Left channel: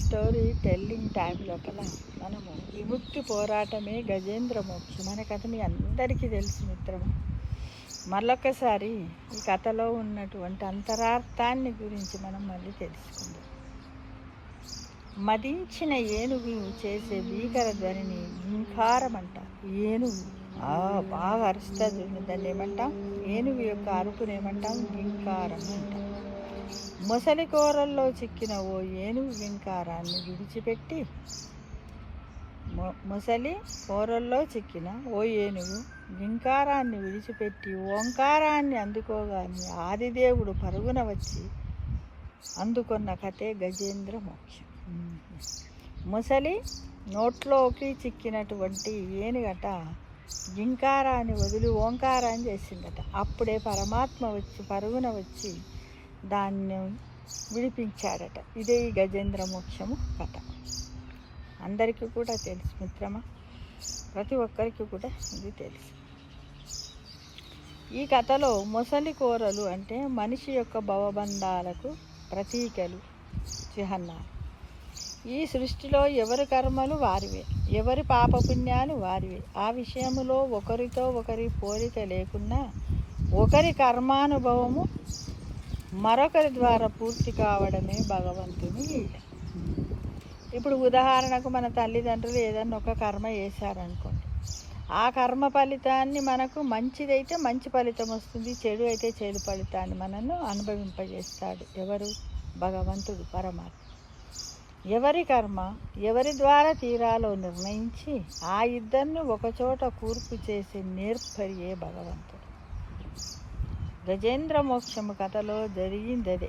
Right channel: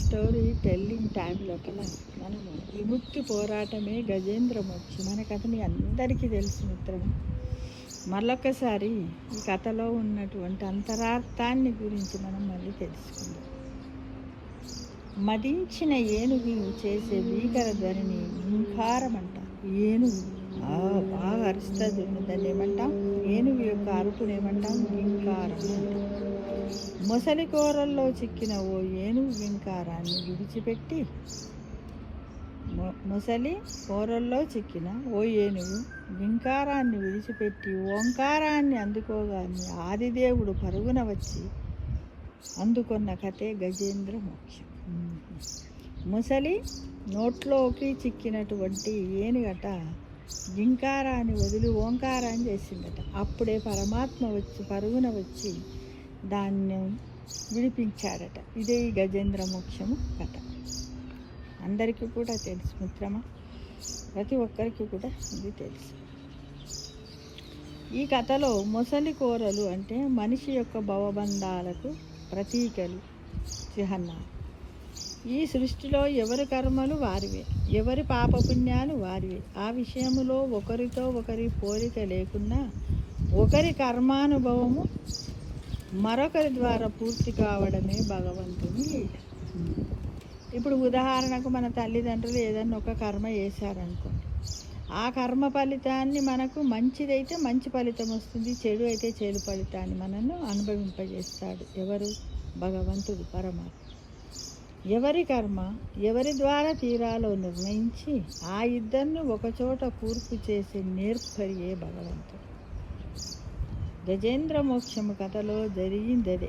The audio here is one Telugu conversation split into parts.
స్టోరీ టెల్లింగ్ టైంలో కల్లా మనము విముక్తి పోరాటమే గజేంద్ర మోక్షం అనే కథ మీ అందరికీ తెలుసు మిత్రమా. మళ్ళొక్కసారి ఈ కథలో ఉన్నటువంటి అంతరార్థాన్ని గురించి మనం మళ్ళీ తెలుసుకుందాం. మదించిన ఏనుగు చేసే భీకర ధ్వనిని గింకారం అంట. ఏనుగు బాగా అరుస్తుంది, దాన్ని ఏమంటాం? ఏనుగు యొక్క అరుపునేమంటాం? గింకారం అంటాం. మొసలి కూరల్లో చిక్కిన ఓ ఏనుగు గింకారాన్ని విడిచిపెట్టి మొసలి కూరల్లో చిక్కిన ఓ ఏనుగు గింకారాన్ని విడిచిపెట్టి ఓంకారాన్ని అందుకోగానే ఆదిదేవుడు పరుగున వచ్చి అందుకున్న కథే గజేంద్ర మోక్షం. మొసలి నోట్లోకి చిక్కినటువంటి ఏనుగట గింకారాన్ని వదిలి ఓంకారాన్ని చేసిందట. అప్పుడే పరమాత్మ వచ్చి పరుగున వచ్చి దాన్ని విడిపించాడట. ఇదే ఈ గజేంద్ర మోక్షము కథ. అందరికీ కూడా తెలుసు మిత్రమా, ప్రతి ఒక్కరికి కూడా ఇది తెలుసు. ఈ కథలో మొసలి కూరలు అంటే మనిషి యొక్క భవబంధాలకు ప్రతీకలు, చిహ్నాలు. ఈ సృష్టిలో ఎవరి కర్మలు వారివే, ఎవరి పాపపుణ్యాలు వారివే. ఆ విషయంలో ఒకరితో ఒకరి పోలిక లేకున్నా ఒకరి కర్మానుభవము మరొకరి ద్వారా పూర్తి కావడమే భగవంతుని లీల. ఇప్పుడు ఉదాహరణకు మన తల్లిదండ్రులు ఏదన్నా ఒక కర్మ చేశారనుకోండి, ఆ కర్మ ఫలితాన్ని మనకు మంచిదైతే మంచి ఫలితం వస్తుంది, చెడు అయితే చెడు ఫలితాన్ని మనను అనుభవింపజేస్తాడు. ఎవరు? భగవంతుడు, పరమాత్మ. ఎవరి కర్మ ఎవరి ద్వారా తీరాలో నిర్ణయించి ఆ ఇద్దరిని ఒకచోట కూర్పు చేసి నేర్పరియే భగవంతుడు. గజేంద్ర మోక్షము కథలో జరిగిందదే.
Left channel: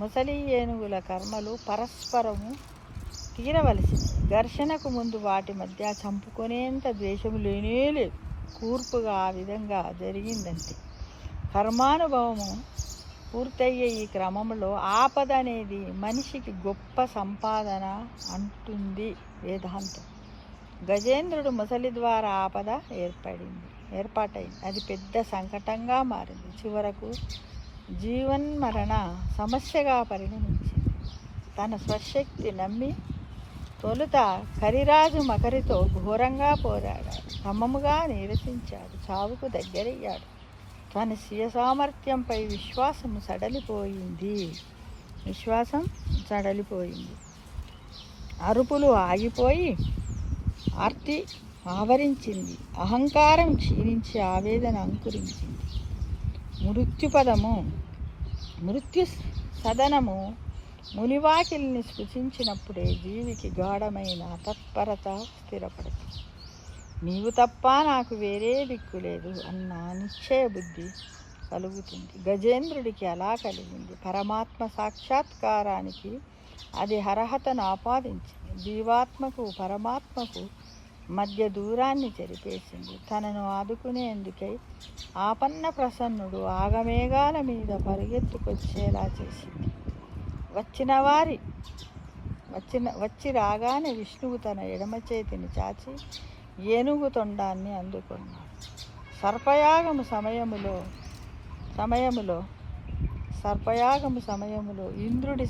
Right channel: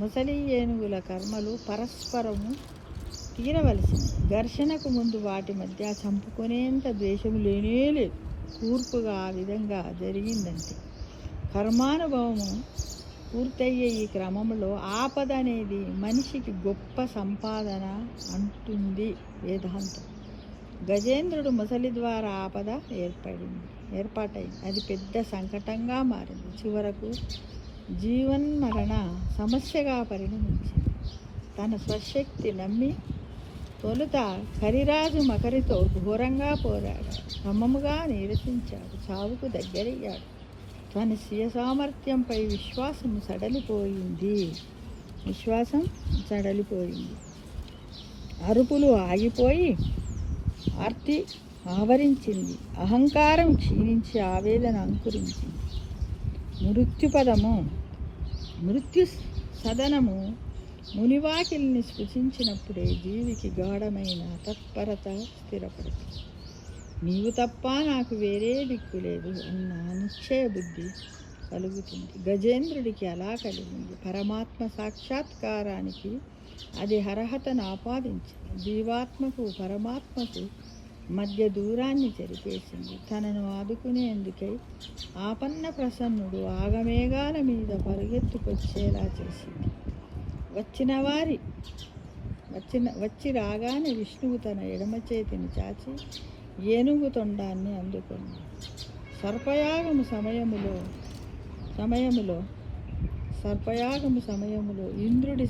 ముసలి ఏనుగుల కర్మలు పరస్పరము తీరవలసింది. ఘర్షణకు ముందు వాటి మధ్య చంపుకునేంత ద్వేషము లేనేలేదు. కూర్పుగా ఆ విధంగా జరిగిందంతే. కర్మానుభవము పూర్తయ్యే ఈ క్రమంలో ఆపద అనేది మనిషికి గొప్ప సంపాదన అంటుంది వేదాంతం. గజేంద్రుడు ముసలి ద్వారా ఆపద ఏర్పాటైంది. అది పెద్ద సంకటంగా మారింది. చివరకు జీవన్మరణ సమస్యగా పరిణమించింది. తన స్వశక్తి నమ్మి తొలుత కరిరాజు మకరితో ఘోరంగా పోరాడాడు. క్రమముగా నీరసించాడు, చావుకు దగ్గరయ్యాడు. తన స్వీయ సామర్థ్యంపై విశ్వాసం సడలిపోయింది. అరుపులు ఆగిపోయి ఆర్తి ఆవరించింది. అహంకారం క్షీణించి ఆవేదన అంకురించింది. మృత్యు సదనము మునివాకిల్ని స్పృశించినప్పుడే జీవికి గాఢమైన తత్పరత స్థిరపడుతుంది. నీవు తప్ప నాకు వేరే దిక్కు లేదు అన్న నిశ్చయ బుద్ధి కలుగుతుంది. గజేంద్రుడికి అలా కలిగింది. పరమాత్మ సాక్షాత్కారానికి అది అర్హతను ఆపాదించింది. జీవాత్మకు పరమాత్మకు మధ్య దూరాన్ని చెరిపేసింది. తనను ఆదుకునేందుకై ఆపన్న ప్రసన్నుడు ఆగమేఘాల మీద పరుగెత్తుకొచ్చేలా చేసింది. వచ్చి రాగానే విష్ణువు తన ఎడమ చేతిని చాచి ఏనుగు తొండాన్ని అందుకున్నాడు. సర్పయాగము సమయములో ఇంద్రుడి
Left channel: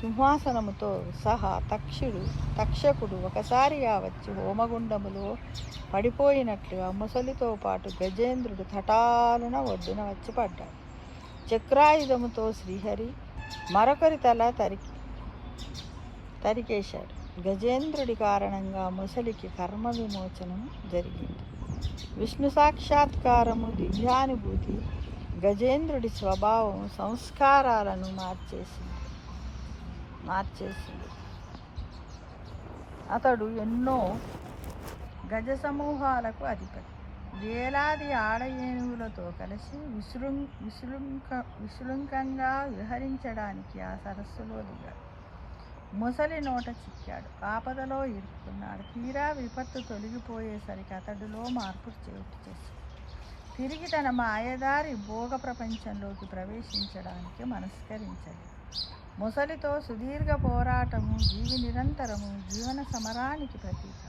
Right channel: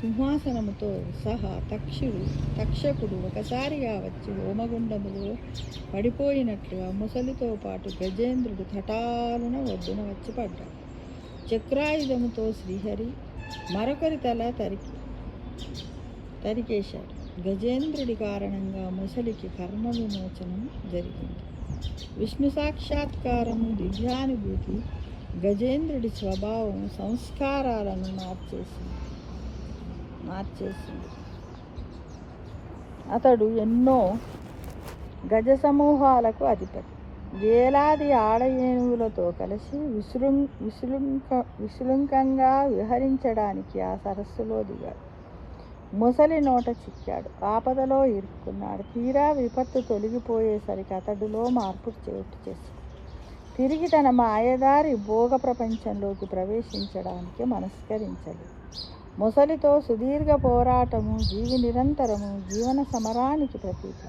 సింహాసనముతో సహా తక్షకుడు ఒకసారిగా వచ్చి హోమగుండములో పడిపోయినట్లుగా ముసలితో పాటు గజేంద్రుడు తటాలున ఒడ్డున వచ్చి పడ్డాడు. చక్రాయుధముతో శ్రీహరి మరొకరి తల తరికేశాడు. గజేంద్రుడి కారణంగా ముసలికి కర్మ విమోచనం జరిగింది. విష్ణు సాక్షాత్కారము, దివ్యానుభూతి గజేంద్రుడి స్వభావం, సంస్కారాలను మార్చేసింది. అతడు ఎన్నో గజ సమూహాలకు అధిపతి. వేలాది ఆడ ఏనుగులతో కలిసి విశృంఖంగా విహరించడానికి ఆ సరస్సులో దిగాడు. ముసలి నోట చిక్కాడు. ఆపదలో ఇరుక్కున్నాడు. తీరా విపత్తు తొలగిపోయేసరికి అతడిలో మార్పు చోటు చేసింది. తిరిగి తన మాయదారి భోగ ప్రపంచంలోకి ప్రవేశించడానికి మనస్కరించలేదు. ముసలితో సుదీర్ఘ పోరాటము నిరంతరము జీవన సమరానికి ప్రతీక.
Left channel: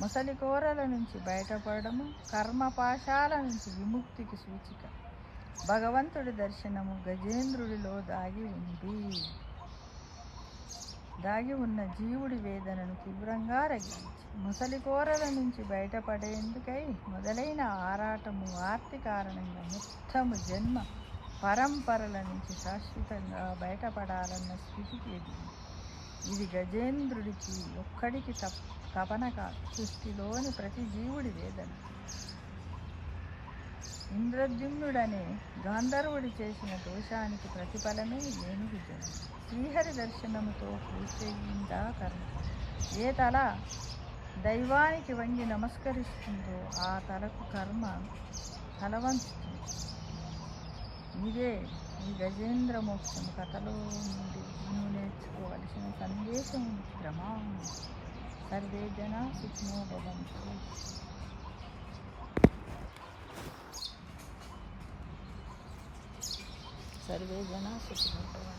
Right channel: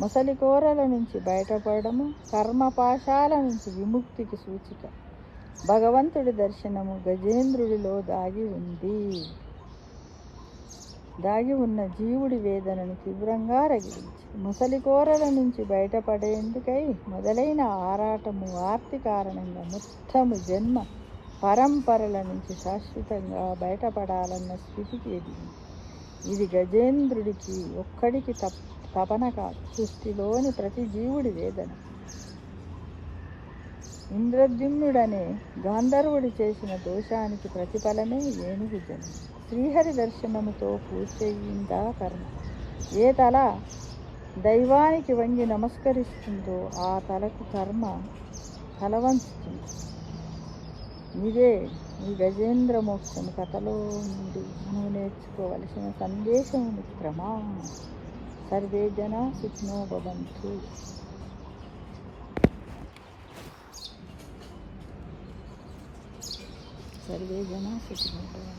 ముసలి కోరల నుంచి బయటపడము కర్మపాశాల నుంచి విముక్తికి సూచిక. భగవంతుడి దర్శనము గజేంద్రుడిలో దాగి ఉన్న జీవుడి వేదనను తీవ్రంగా రగిలించి ముసలి కోరల నుంచి బయటపడేందుకై మొదలైన ఆరాటము ఆర్తి కారణంగా మొత్తము జన్మ పరంపరల నుంచి శాశ్వతంగా బయటపడాలన్న స్థితికి ఎదిగింది. ఇది గజేంద్రుడికి ఒక్కడికి తపన కాదు, సృష్టిలోని ప్రతి జీవుడి వేదన. ఇంద్రద్యుమ్నుడనే గాంధర్వుడు చేసిన దోషానికి ప్రతిఫలమే ఏనుగు జన్మ. శ్రీహరి దర్శనముతో పూర్తయిందా కర్మ. ఏ తల దైవానికి వంగి నమస్కరిస్తుందో ఆ తలకు కర్మ తలవంచుతుంది. ఇదే ఈ గజేంద్ర మోక్షము కథలో నుండి మనం నేర్చుకోవలసిన సందేశము మిత్రమా. సర్వే జనా సుఖినో భవంతు. సర్వే జనా సుఖినో భవంతు.